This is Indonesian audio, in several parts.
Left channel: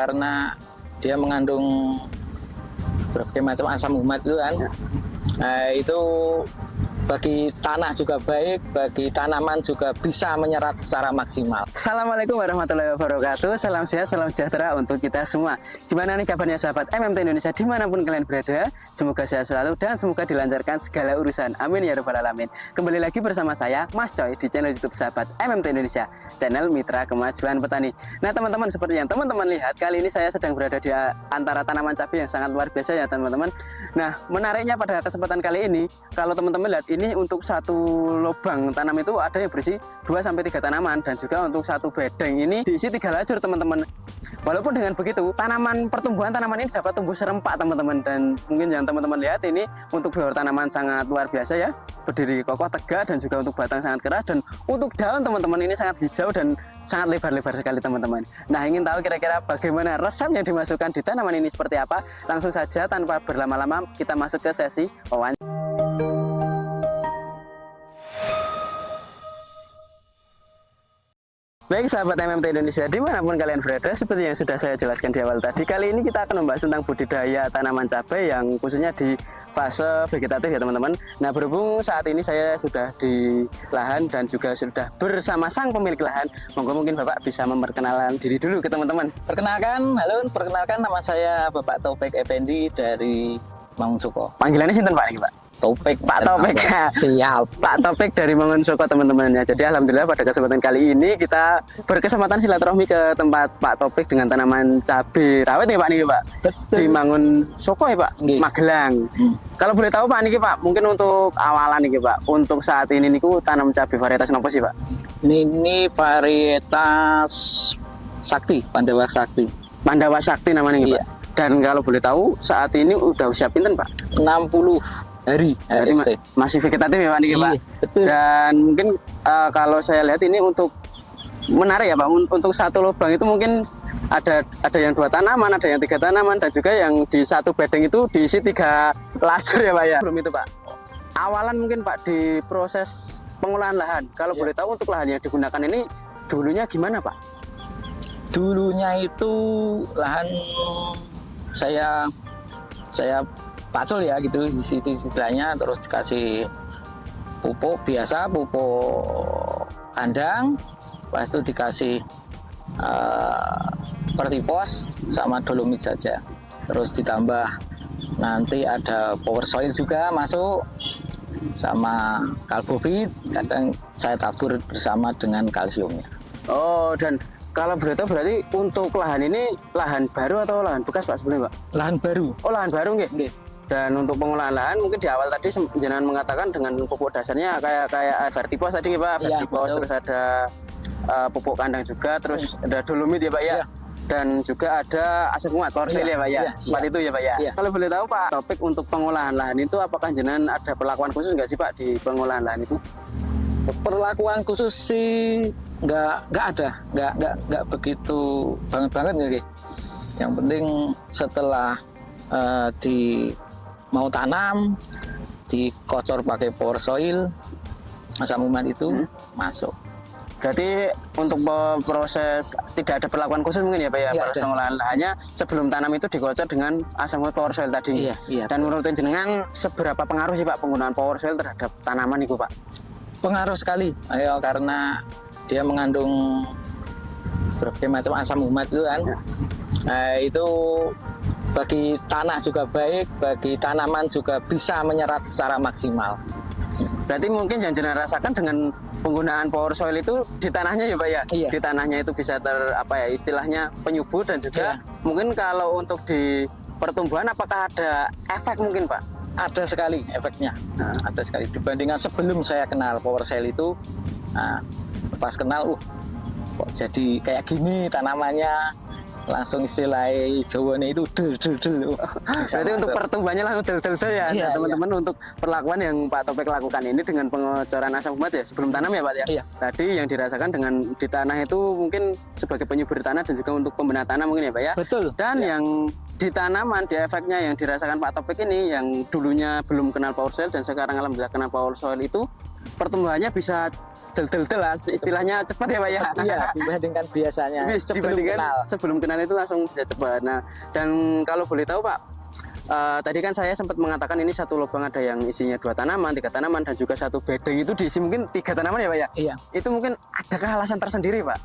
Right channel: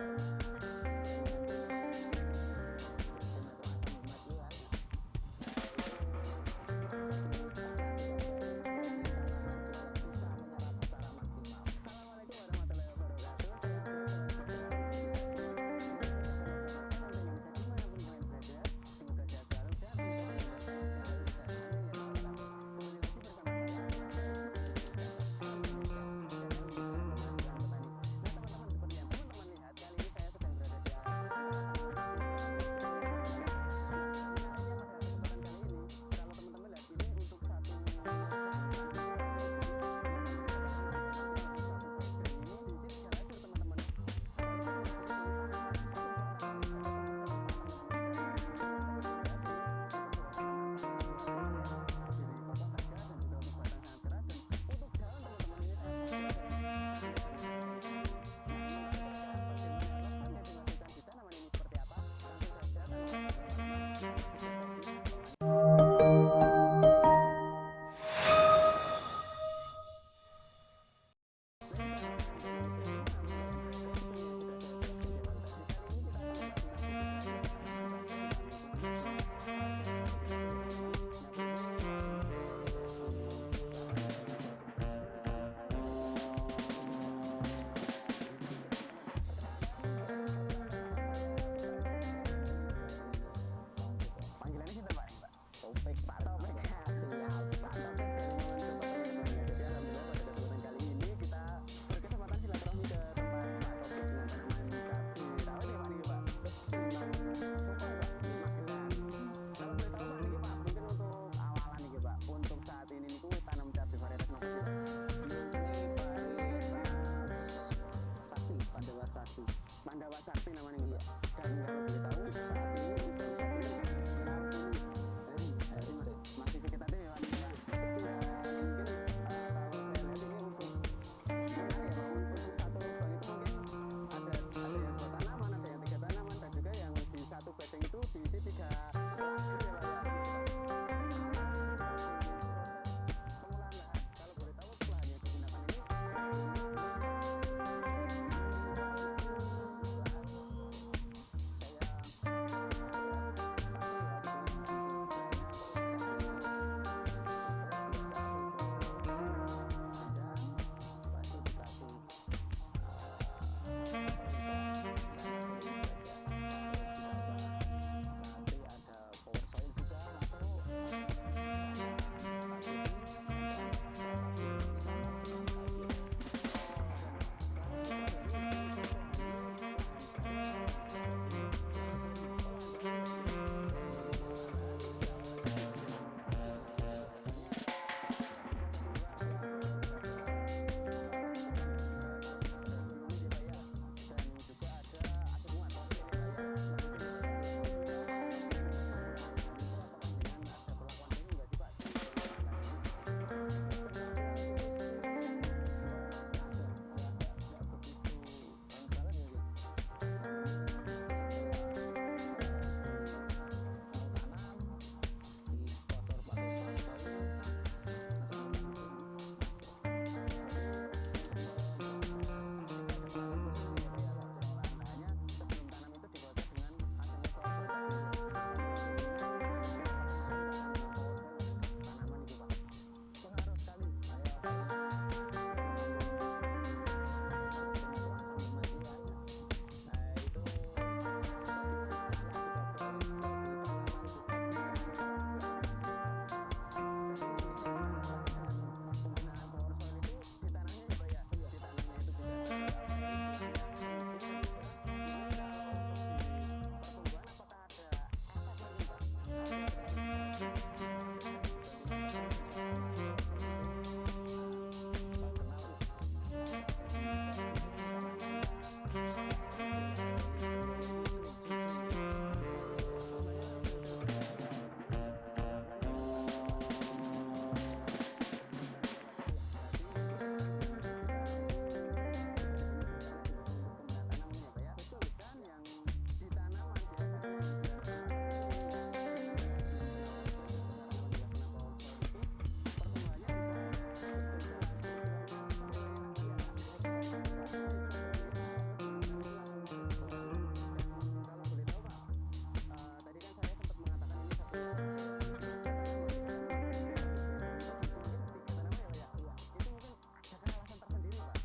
karena dia mengandung berbagai macam asam umat itu kan. Nah, itu bagi tanah juga baik, bagi tanaman juga bisa menyerap secara maksimal. Assalamualaikum warahmatullahi wabarakatuh. Salam sehat, salam sejahtera untuk kita semua. Gimana nih kabarnya sahabat MMT Indonesia dimanapun kalian berada? Semoga sehat selalu dan semoga dilancarkan segala urusan. Amin ya rabbal alamin. Kembali lagi bersama saya Mas Coy di channel YouTube sahabat MMT Indonesia, channel Mitra Kemajuan Petani. Nah teman-teman, seperti yang teman-teman lihat, kali ini saya sedang berada di antara tanaman cabai yang sangat luar biasa ya teman-teman. Nah menariknya pada kesempatan kali ini, kalau teman-teman lihat ini untuk satu lubang tanam itu ada yang berisi 2-3 tanaman, dan juga untuk satu bedeng ini diisi 3 lajur teman-teman. Walaupun dengan begitu pertumbuhan tanaman ini dapat tumbuh serempak teman-teman, dan mungkin yang teman-teman lihat ini untuk flora tanaman sangat luar biasa ya, berdiri kokoh tegak, dan juga untuk batang sangat keras, dan untuk daun teman-teman ini sangat hijau dan sangat lebar-lebar sekali teman-teman. Nah ingin tahu kira-kira bagaimana resep yang dimasukkan di tanaman ini seperti apa? Langsung saja tanpa berlama-lama kita masuk ke sesi wawancara. Baik sahabat MMT Indonesia dimanapun kalian berada, seperti yang sudah saya jelaskan di awal tadi, kali ini kita akan membahas tentang budidaya tanaman cabai yang khususnya di fase vegetatif ya teman-teman. Nah berhubung saat ini saya sudah di lahan dan juga sudah bersama sang pemilik lahan, mungkin Bapak bisa memperkenalkan diri dulu ke teman-teman. Perkenalkan nama saya Bapak Taufik Effendi dari Mangunsoko. Panggilannya sinten Pak ini Pak? Taufik. Pak Taufik. Siap. Pak Taufik dari Mangunsoko teman-teman ya. Jadi alhamdulillah pada kesempatan kali ini kita berkesempatan silaturahmi ke tempat Pak Taufik dengan tanaman cabai rawit nih Pak nih Pak. Betul. Di Mangunsoko ya Pak, Nggih. Magelang. Kalau boleh tahu Pak niki Pak, mungkin untuk awalan nih Pak, untuk saat ini niku tanam cabai varietas apa sih Pak? Ini varietas Sakti, Pandawa Sakti. Pandawa Sakti namanya nih Iya. Pak. Dan kalau boleh tahu saat ini udah usia pinten Pak? 60 hari Jadi HST. masih vegetatif ya Pak niki Pak. Iya, betul. Dan mungkin kalau saya lihat ini untuk menarik ya Pak, untuk satu lubang itu mungkin ada yang 2 tanaman, ada yang 3 tanaman, dan juga yang di satu bedeng itu diisi 3 lajur ya Pak ya. Belum itu Pak. Awalan mungkin Pak di proses pengolahan lahan. Kalau boleh tahu untuk lahan yang digunakan ini dulunya gimana Pak? Dulunya itu lahan saya pacul ya gitu istilahnya, terus dikasih pupuk biasa, pupuk kandang, pas itu dikasih pertipos sama dolomit saja, terus ditambah nanti ada power soil juga masuk sama kalbofit, kadang saya tabur bersama dengan kalsiumnya. Oh, dan kalau boleh tahu berarti untuk lahan ini lahan baru atau lahan bekas Pak sebenarnya Pak? Lahan baru. Oh lahan baru nggih. Dan untuk pengolahan lahan mungkin di awal tadi jenengan mengatakan dengan pupuk dasarnya kayak vertipos tadi ya Pak, Iya, vertipos, betul. terus ada pupuk kandang juga, terus ada dolomit ya Pak ya. Iya. Dan juga ada asam umat, klorofil ya Pak ya. Iya, Seperti itu ya Pak ya. Iya. Kalau boleh tahu Pak, topik untuk pengolahan lahan itu apakah jenengan ada perlakuan khusus nggak sih Pak di pengolahan lahan itu? Perlakuan khusus sih nggak ada, nggak begitu banget ya. Yang penting setelah mau tanam dikocor pakai power soil, asam umat itu masuk. Berarti untuk proses tidak ada perlakuan khusus mungkin ya Pak ya, Nggak proses ada. pengolahan lahannya sebelum tanam itu dikocor dengan asam umat power soil tadi. Iya. Dan menurut jenengan seberapa pengaruh sih Pak penggunaan power soil terhadap tanaman itu Pak? Pengaruh sekali, karena dia mengandung berbagai macam asam umat itu kan. Nah, itu bagi tanah juga baik, bagi tanaman juga bisa menyerap secara maksimal. Berarti mungkin yang jenengan rasakan dengan penggunaan power soil itu di tanahnya ya Pak ya? Iya. Di tanahnya itu bisa istilahnya penyubur, dan juga mungkin kalau untuk di pertumbuhan apakah ada efek mungkin Pak? Ada sekali efeknya, ada sekali dibandingkan sebelum saya kenal power soil itu. Nah, pas kenal, kok jadi kayak gini tanamannya, langsung istilah Jawanya itu del. Berarti untuk pertumbuhannya langsung del ya, Iya, teman-teman. Untuk perlakuan yang Pak Topik lakukan ini dengan pengocoran asam umat ya sebelum tanam ya Pak ya. Iya. Tadi yang dirasakan dengan di tanah itu mungkin sebagai penyubur tanah dan juga untuk pembinaan tanah mungkin ya Pak ya. Betul. Dan Ya. yang di tanaman, di efeknya yang dirasakan Pak Topik ini yang dulunya belum kenal power soil dan sekarang alhamdulillah kenal power soil itu pertumbuhannya bisa del-del lah, istilahnya cepat ya Pak ya. Iya, dibandingkan biasanya. Sebelum kenal itu langsung bisa cepat. Nah, dan kalau boleh tahu Pak, tadi kan saya sempat mengatakan ini satu lubang ada yang isinya 2 tanaman, 3 tanaman, dan juga satu bedeng itu diisi mungkin 3 tanaman ya Pak ya? Iya. Itu mungkin adakah alasan tersendiri Pak?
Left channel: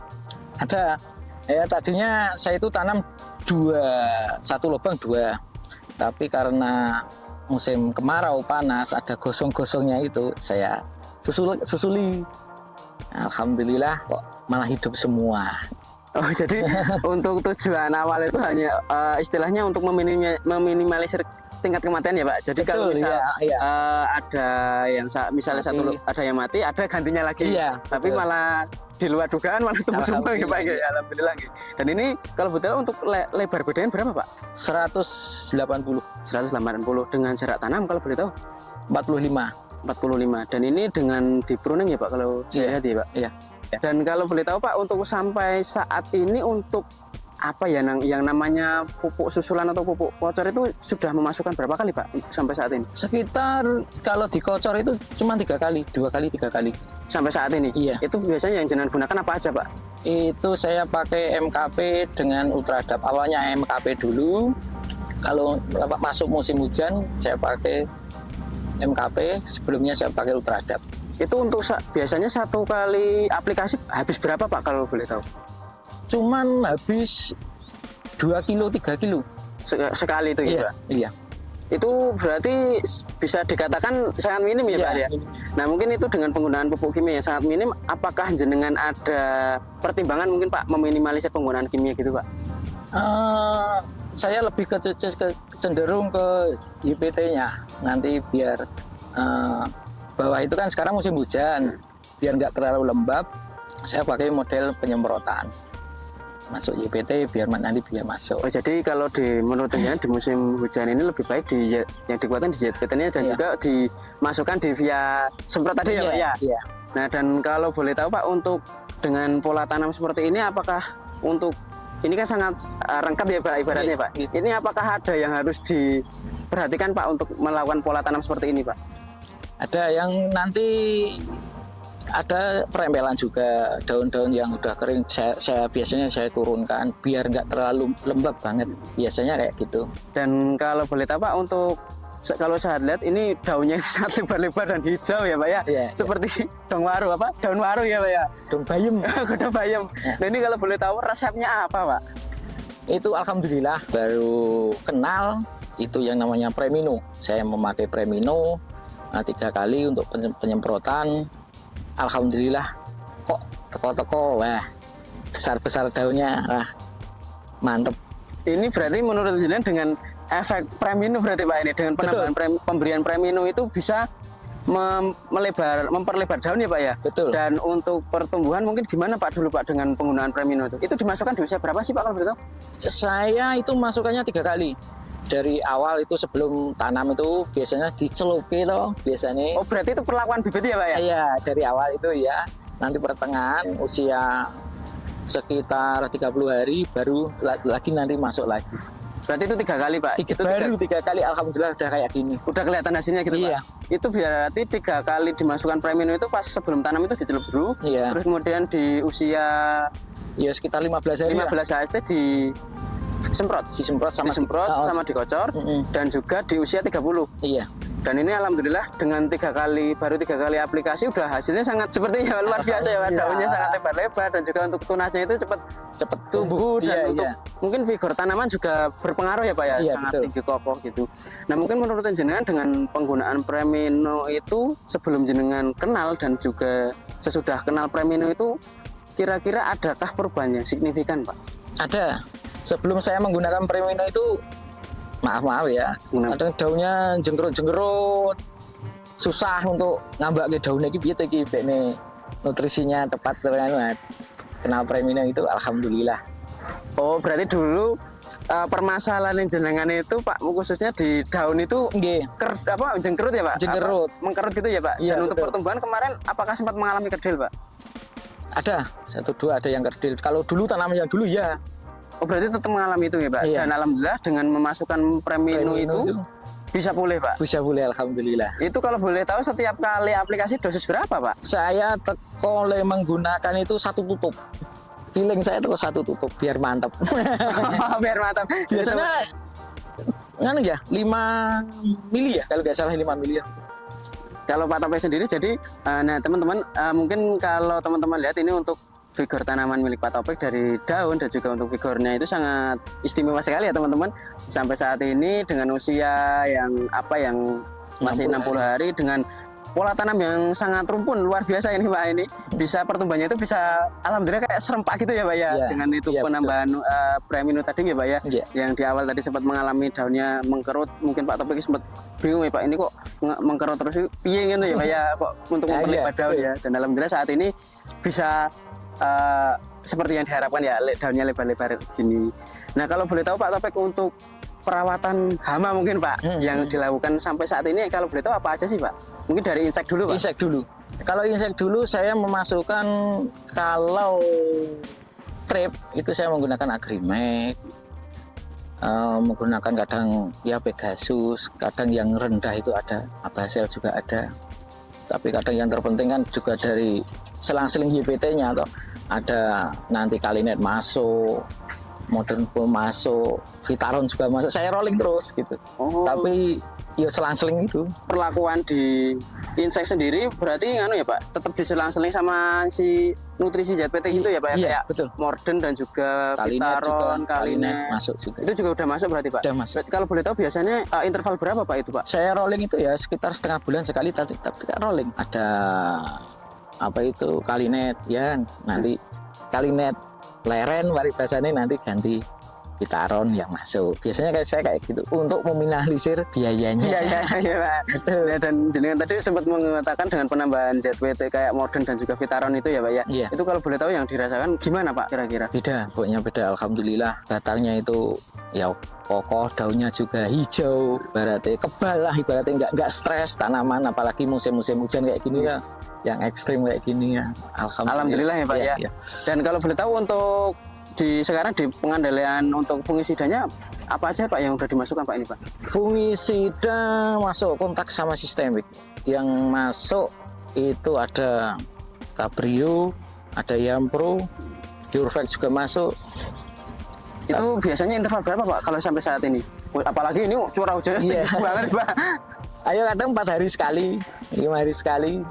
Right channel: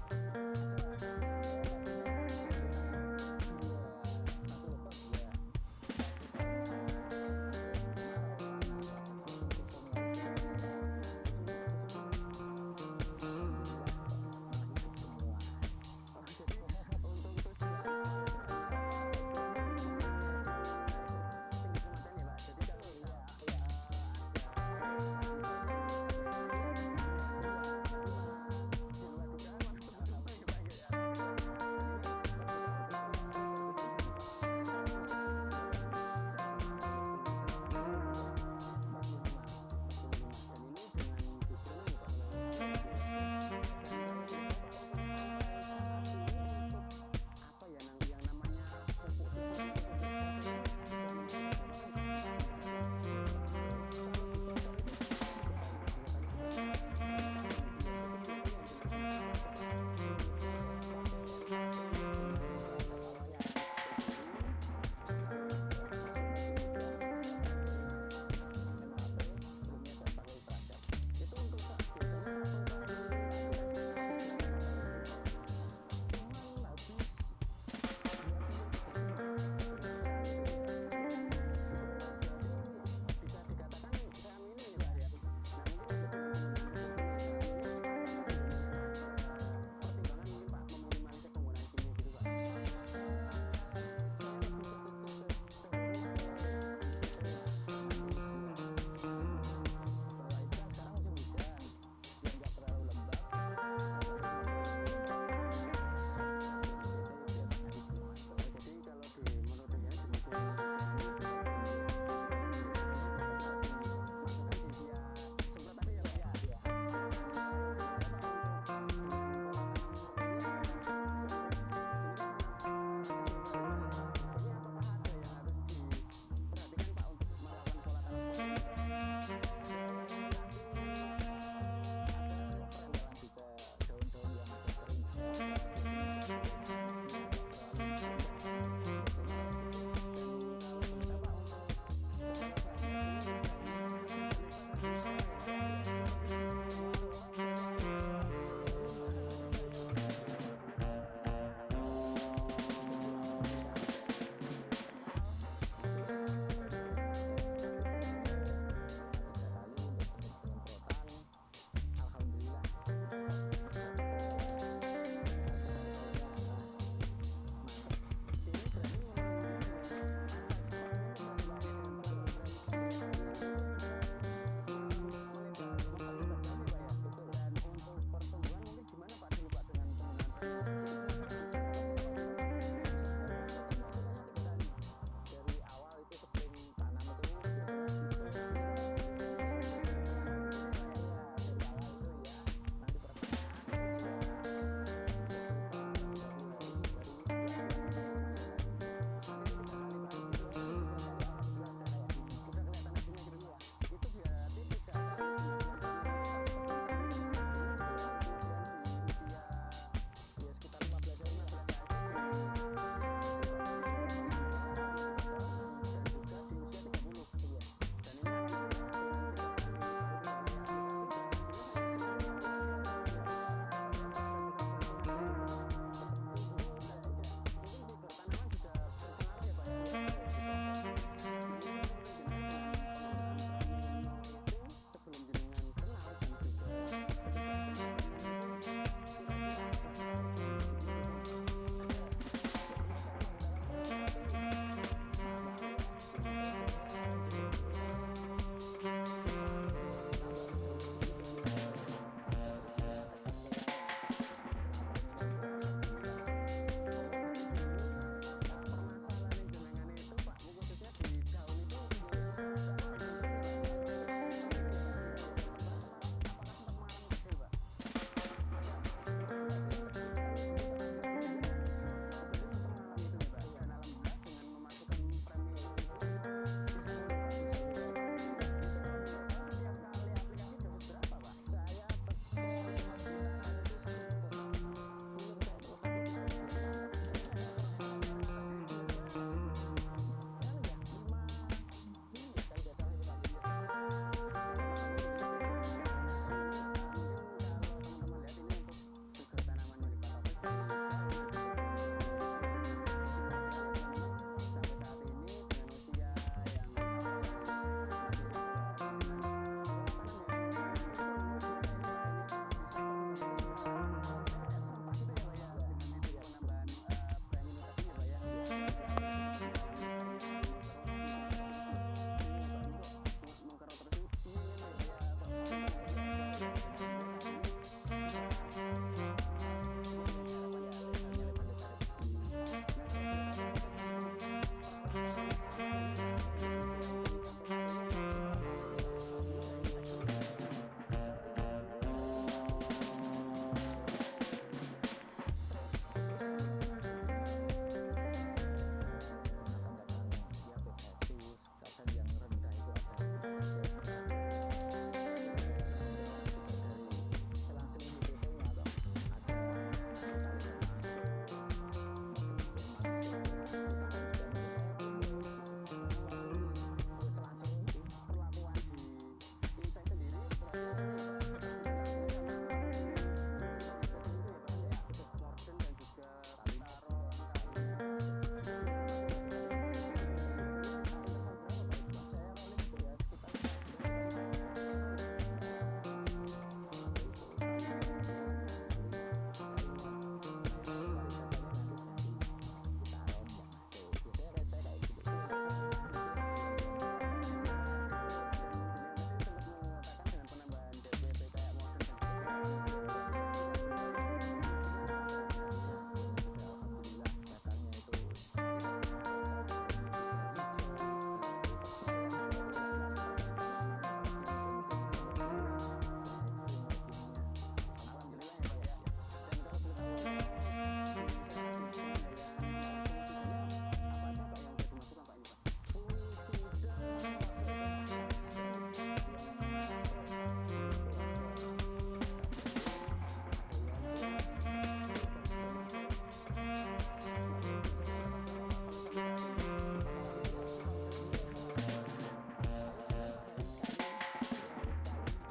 Ada. Ya tadinya saya itu tanam 1 lubang 2. Tapi karena musim kemarau panas ada gosong-gosongnya itu saya susuli. Alhamdulillah kok malah hidup semua. Oh jadi untuk tujuan awal itu hanya istilahnya untuk meminimalisir tingkat kematian ya Pak. Jadi Betul, kalau misal iya. ada yang misalnya ada yang mati, ada gantinya lagi. Iya, Tapi betul. malah di luar dugaan malah tumbuh semua ya Pak. Ya, alhamdulillah. Dan ini kalau betul untuk lebar bedanya berapa Pak? 180, 180 dengan jarak tanam kalau boleh tahu 45. 45. Dan ini dengan di pruning ya Pak kalau saya lihat ya Pak. Iya. Dan kalau boleh tahu Pak, untuk sampai saat ini untuk apa ya yang namanya pupuk susulan atau pupuk kocor itu sudah memasukkan berapa kali Pak sampai saat ini? Sekitar kalau dikocor itu cuma 3 kali, 2 kali, 3 kali. Sampai saat ini? Iya. Itu biasanya yang jenengan gunakan apa aja Pak? Itu saya pakai MKP dengan Ultradap. Awalnya MKP dulu. Kalau masuk musim hujan saya pakai MKP, sebelumnya saya pakai Ultradap. Itu untuk biasanya 1 kali aplikasi habis berapa Pak kalau boleh tahu? Cuman habis 2 kilo, 3 kilo. Sekali itu ya Iya, Pak? iya. Itu berarti bisa dikatakan sangat minim ya Iya, Pak ya? Nah mungkin itu dengan penggunaan pupuk kimia yang sangat minim, apakah jenengan ada pertimbangan mungkin Pak meminimalisir penggunaan kimia gitu Pak? Saya lebih cenderung ke YPT-nya nanti biar bawah itu kan sekarang musim hujan, biar nggak terlalu lembab. Saya pakai model penyemprotan masuk YPT biar nanti biar masuk. Oh jadi kalau menurut jenengan di musim hujan ini lebih baik yang dikuatkan di YPT-nya dan juga dimasukkan di via semprot tadi ya Pak ya? Iya. Nah dan kalau boleh tahu Pak, untuk dengan pola tanam seperti ini apakah untuk ini kan sangat lengkap ya Pak ibaratnya Pak. Ini apakah ada yang harus diperhatikan Pak untuk melakukan pola tanam seperti ini Pak? Ada yang nanti ada perempelan juga, daun-daun yang udah kering saya biasanya saya turunkan biar nggak terlalu lembab banget, biasanya kayak gitu. Dan kalau boleh tahu Pak, untuk kalau saya lihat ini daunnya sangat lebar-lebar dan hijau ya Pak ya, seperti daun waru ya Pak ya, Daun bayam. daun bayam. Nah ini kalau boleh tahu resepnya apa Pak? Itu alhamdulillah baru kenal itu yang namanya Premino. Saya memakai Premino 3 kali untuk penyemprotan. Alhamdulillah kok teko-teko, wah besar-besar daunnya, wah mantep. Ini berarti menurut jenengan dengan efek Premino berarti Pak ini, dengan penambahan pemberian Premino itu bisa memperlebar daun ya Pak ya? Betul. Dan untuk pertumbuhan mungkin gimana Pak dulu Pak dengan penggunaan Premino itu? Itu dimasukkan di usia berapa sih Pak kalau begitu? Saya itu masukannya 3 kali. Dari awal itu sebelum tanam itu biasanya dicelupi loh biasanya. Oh berarti itu perlakuan bibit ya Pak ya? Iya, dari awal itu ya. Nanti pertengahan usia sekitar 30 hari baru lagi nanti masuk lagi. Berarti itu 3 kali Pak? Itu baru 3 kali alhamdulillah udah kayak gini. Udah kelihatan hasilnya gitu Iya. Pak? Itu berarti 3 kali dimasukkan Premino itu pas sebelum tanam itu dicelup dulu. Iya. Terus kemudian di usia Ya sekitar 15 hari. 15 HST disemprot sama dikocor dan juga di usia 30. Iya. Dan ini alhamdulillah dengan 3 kali aplikasi udah hasilnya sangat sepertinya luar biasa ya Pak. Daunnya sangat lebar-lebar dan juga untuk tunasnya itu cepat tumbuh dan untuk mungkin vigor tanaman juga berpengaruh ya Pak ya, sangat tinggi kokoh gitu. Nah mungkin menurut jenengan dengan penggunaan Premino itu sebelum jenengan kenal dan juga sesudah kenal Premino itu kira-kira adakah perubahannya signifikan Pak? Ada. Sebelum saya menggunakan Premino itu maaf ya, kadang daunnya jengkerut-jengkerut, susah untuk ngambak ke daunnya gitu nih, nutrisinya cepat banget. Kenal Premino itu alhamdulillah. Oh berarti dulu permasalahan jenengan itu Pak khususnya di daun itu jengkerut ya Pak? Jengkerut, mengkerut gitu ya Pak? Iya, dan untuk pertumbuhan kemarin apakah sempat mengalami kerdil Pak? Ada 1-2 ada yang kerdil. Kalau dulu tanaman yang dulu ya. Oh berarti tetap mengalami itu ya Pak? Iya. Dan alhamdulillah dengan memasukkan Premino itu Bisa pulih Pak. Bisa pulih alhamdulillah. Itu kalau boleh tahu setiap kali aplikasi dosis berapa Pak? Saya tekole menggunakan itu satu tutup. Feeling saya teko satu tutup biar mantap. Biar mantap. Biasanya nganu ya 5 mili ya kalau nggak salah 5 mili ya. Kalau Pak Topik sendiri jadi nah teman-teman mungkin kalau teman-teman lihat ini untuk vigor tanaman milik Pak Topik dari daun dan juga untuk vigornya itu sangat istimewa sekali ya teman-teman. Sampai saat ini dengan usia yang masih 60 hari dengan pola tanam yang sangat rumpun luar biasa ini Pak, ini bisa pertumbuhannya itu bisa alhamdulillah kayak serempak gitu ya Pak ya, dengan itu penambahan premium tadi ya Pak ya, yang di awal tadi sempat mengalami daunnya mengkerut, mungkin Pak Topik sempat bingung ya Pak, ini kok mengkerut terus piye gitu ya Pak ya, kok untuk memperlebar daun ya, dan alhamdulillah saat ini bisa seperti yang diharapkan ya, daunnya lebar-lebar gini. Nah kalau boleh tahu Pak Topik untuk perawatan hama mungkin Pak yang dilakukan sampai saat ini, kalau boleh tahu apa aja sih Pak? Mungkin dari insek dulu Pak. Insek dulu. Kalau insek dulu saya memasukkan, kalau trip itu saya menggunakan Agrimek, menggunakan kadang ya Pegasus, kadang yang rendah itu ada Abasel juga ada. Tapi kadang yang terpenting kan juga dari selang-seling YPT-nya atau ada nanti Kalinet masuk, Modern Bull masuk, Vitaron juga masuk, saya rolling terus gitu. Tapi ya selang-seling itu. Perlakuan di insek sendiri berarti ya Pak, tetap diselang-seling sama si nutrisi ZPT gitu ya Pak ya, iya, kayak betul. Morden dan juga Kalinet Vitaron, Kalinet masuk juga. Itu juga udah masuk berarti Pak? Udah masuk. Kalau boleh tahu biasanya interval berapa Pak itu Pak? Saya rolling itu ya sekitar setengah bulan sekali, tapi rolling. Ada apa itu Kalinet ya, nanti Kalinet leren waribasane nanti ganti Vitaron yang masuk. Biasanya kayak saya kayak gitu untuk meminimalisir biayanya. Iya Pak. Ya, dan jenengan tadi sempat mengatakan dengan penambahan ZPT kayak Modern dan juga Vitaron itu ya Pak ya. Iya. Itu kalau boleh tahu yang dirasakan gimana Pak kira-kira? Beda, pokoknya beda. Alhamdulillah batangnya itu ya kokoh, daunnya juga hijau, ibaratnya kebal lah, ibaratnya nggak stres tanaman, apalagi musim-musim hujan kayak gini ya, yang ekstrim kayak gini ya. Alhamdulillah ya Pak ya. Dan kalau boleh tahu untuk sekarang di pengendalian untuk fungisidanya apa aja Pak yang udah dimasukkan Pak ini Pak? Fungisida masuk kontak sama sistemik. Yang masuk itu ada Cabrio, ada Yampro, Durvex juga masuk. Itu biasanya interval berapa Pak kalau sampai saat ini? Apalagi ini curah hujannya tinggi banget Pak. Ayo kadang 4 hari sekali, 5 hari sekali.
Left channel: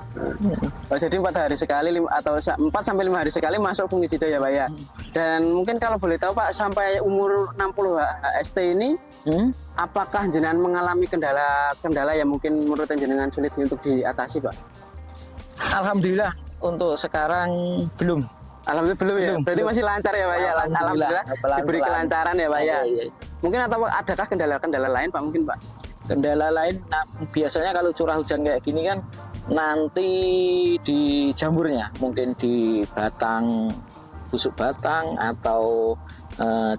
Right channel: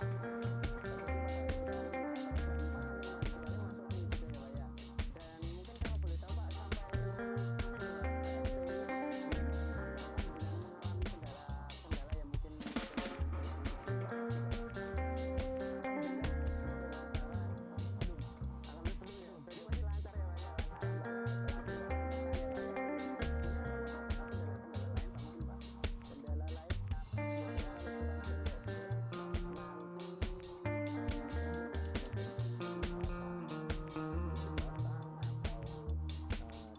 Oh, jadi 4 hari sekali atau 4 sampai 5 hari sekali masuk fungisida ya Pak ya. Dan mungkin kalau boleh tahu Pak, sampai umur 60 HST ini apakah jenengan mengalami kendala yang mungkin menurut jenengan sulit untuk diatasi Pak? Alhamdulillah untuk sekarang belum. Alhamdulillah belum ya. Berarti masih lancar ya Pak ya. Alhamdulillah diberi kelancaran ya Pak ya. Mungkin atau adakah kendala-kendala lain Pak mungkin Pak? Kendala lain, nah, biasanya kalau curah hujan kayak gini kan nanti di jamurnya, mungkin di batang, busuk batang atau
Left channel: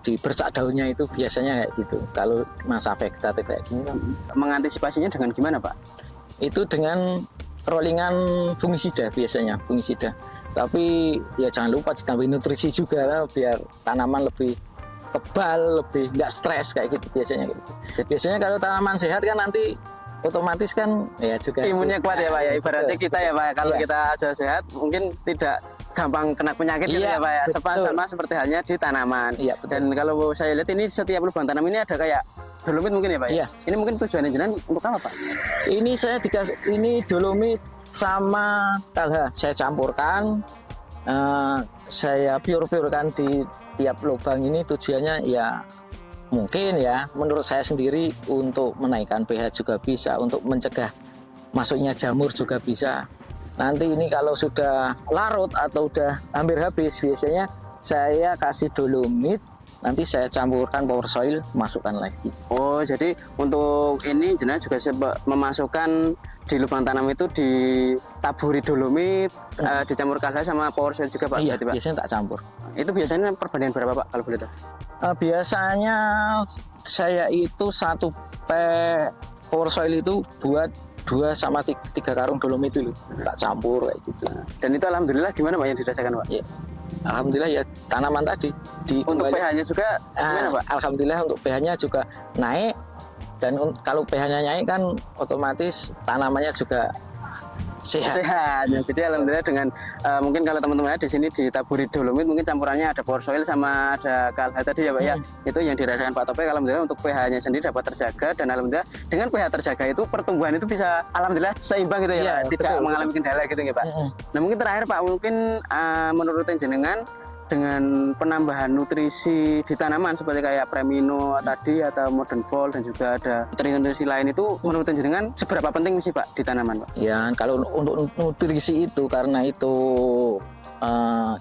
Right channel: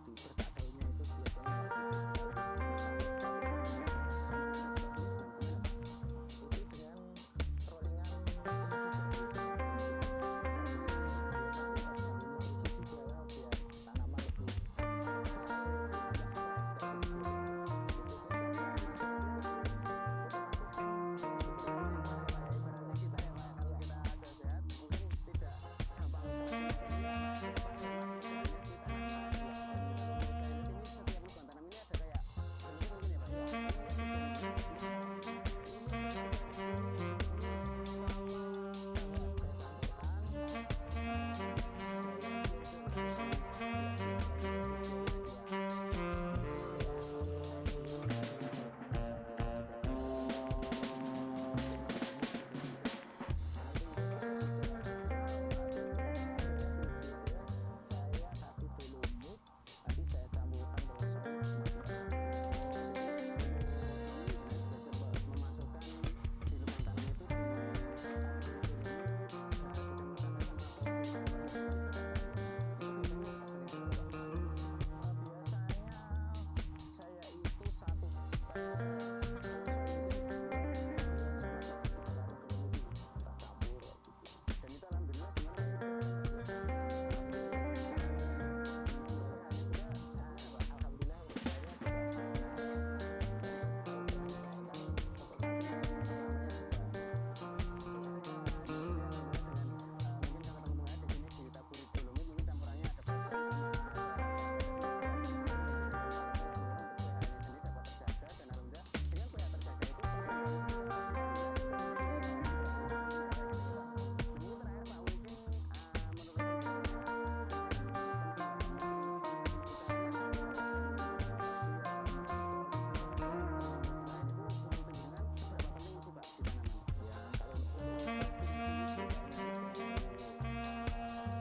di bercak daunnya itu biasanya kayak gitu. Kalau masa vegetatif kayak gini kan. Mengantisipasinya dengan gimana Pak? Itu dengan rollingan fungisida biasanya, fungisida. Tapi ya jangan lupa ditambahin nutrisi juga lah, biar tanaman lebih kebal, lebih nggak stres kayak gitu biasanya. Biasanya kalau tanaman sehat kan nanti otomatis kan ya juga imunnya kuat ya Pak ya. Ibaratnya kita ya Pak, kalau kita aja sehat mungkin tidak gampang kena penyakit gitu ya Pak ya. Sama seperti halnya di tanaman. Dan kalau saya lihat ini setiap lubang tanam ini ada kayak dolomit mungkin ya Pak ya. Ini mungkin tujuannya jenengan untuk apa Pak? Ini saya dikasih ini dolomit sama KH saya campurkan. Saya pure-purekan di tiap lubang ini, tujuannya ya mungkin ya menurut saya sendiri untuk menaikkan pH juga bisa, untuk mencegah masuknya jamur juga bisa. Nanti ini kalau sudah larut atau udah hampir habis, biasanya saya kasih dolomit, nanti saya campurkan power soil, masukkan lagi. Oh, jadi untuk ini jenengan juga memasukkan di lubang tanam itu ditaburi dolomit, dicampur kalsium sama power soil juga Pak? Iya, Pak? biasanya tak campur. Itu biasanya perbandingan berapa Pak kalau boleh tahu? Biasanya saya itu 1 power soil itu buat 2 sama 3 karung dolomit dulu, tak campur kayak gitu. Dan itu alhamdulillah gimana Pak yang dirasakan Pak? Ya, alhamdulillah ya tanaman tadi untuk pH-nya juga gimana Pak? Alhamdulillah untuk pH-nya juga naik, Dan kalau pH-nya naik kan otomatis tanamannya juga sehat. Sehat. Ya, jadi alhamdulillah dengan mungkin kalau teman-teman di sini ditaburi dolomit, mungkin campurannya ada power soil sama ada kalha tadi ya Pak ya. Itu yang dirasakan Pak Topik, alhamdulillah untuk pH-nya sendiri dapat terjaga, dan alhamdulillah dengan pH terjaga itu pertumbuhan itu bisa alhamdulillah seimbang gitu ya, Iya, Pak. Tidak betul, mengalami kendala gitu ya Pak. Nah mungkin terakhir Pak, mungkin menurut jenengan dengan penambahan nutrisi di tanaman seperti kayak Premino tadi atau Modern Volt dan juga ada nutrisi lain itu menurut jenengan seberapa penting sih Pak di tanaman Pak? Ya, kalau untuk nutrisi itu karena itu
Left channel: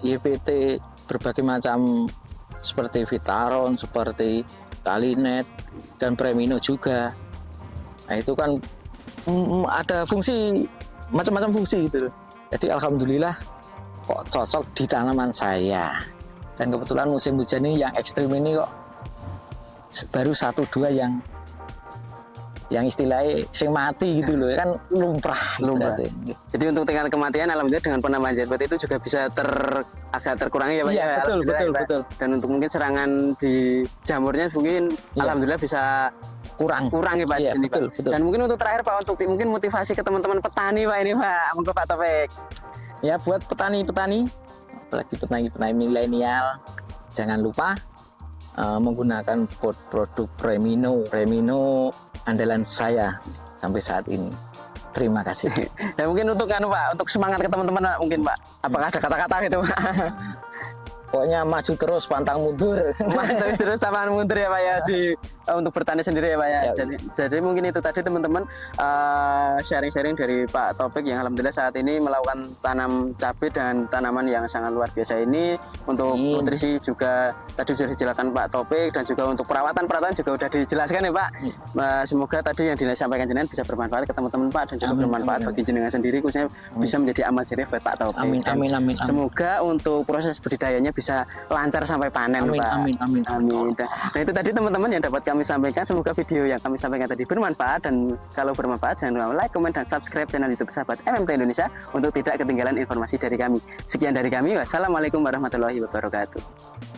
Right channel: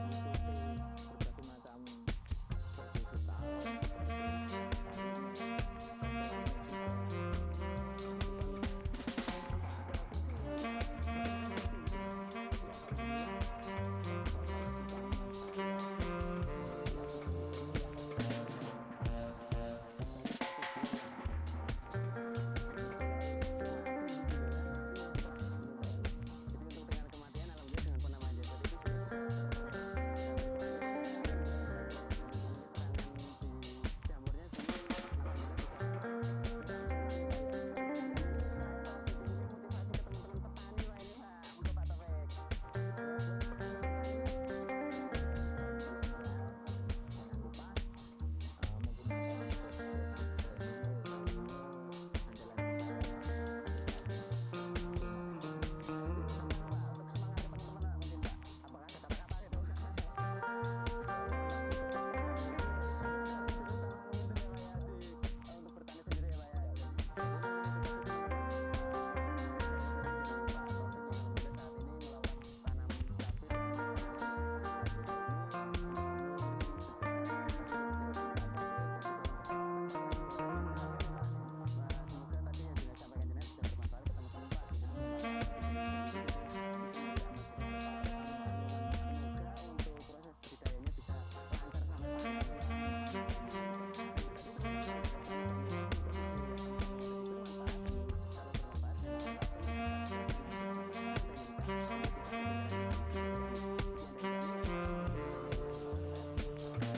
YPT berbagai macam seperti Vitaron, seperti Kalinet dan Premino juga. Nah, itu kan ada fungsi macam-macam fungsi gitu loh. Jadi alhamdulillah kok cocok di tanaman saya. Dan kebetulan musim hujan ini yang ekstrim ini kok baru 1-2 yang istilahnya sing mati gitu loh, kan lumrah. Jadi untuk tingkat kematian alhamdulillah dengan penambahan ZPT itu juga bisa agak terkurangi ya Pak. Iya, ya, betul. Dan untuk mungkin serangan di jamurnya mungkin alhamdulillah bisa kurang ya Pak. Iya, ini, betul. Dan mungkin untuk terakhir Pak, untuk mungkin motivasi ke teman-teman petani Pak ini Pak, untuk Pak Topik. Ya, buat petani-petani, apalagi petani-petani milenial, jangan lupa menggunakan produk Premino andalan saya sampai saat ini. Terima kasih. Dan mungkin untuk Pak, untuk semangat ke teman-teman Pak, mungkin Pak, apakah ada kata-kata gitu Pak? Pokoknya maju terus, pantang mundur. Mantap, terus taman mundur ya Pak ya, untuk bertani sendiri ya Pak ya. Jadi mungkin itu tadi teman-teman sharing-sharing dari Pak Topik yang alhamdulillah saat ini melakukan tanam cabai dan tanaman yang sangat luar biasa ini. Untuk nutrisi juga tadi sudah dijelaskan Pak Topik, dan juga untuk perawatan juga sudah dijelaskan ya Pak. Semoga tadi yang disampaikan jenengan bisa bermanfaat ke teman-teman Pak, dan juga bermanfaat bagi jenengan sendiri, khususnya bisa menjadi amal jariah buat Pak Topik. Amin. Semoga untuk proses budidayanya bisa lancar sampai panen Pak. Amin. Nah itu tadi teman-teman yang dapat kami sampaikan. Semoga video yang kami sampaikan tadi bermanfaat, dan kalau bermanfaat jangan lupa like, comment, dan subscribe channel YouTube Sahabat MMT Indonesia untuk tidak ketinggalan informasi dari kami. Sekian dari kami. Wassalamualaikum warahmatullahi wabarakatuh.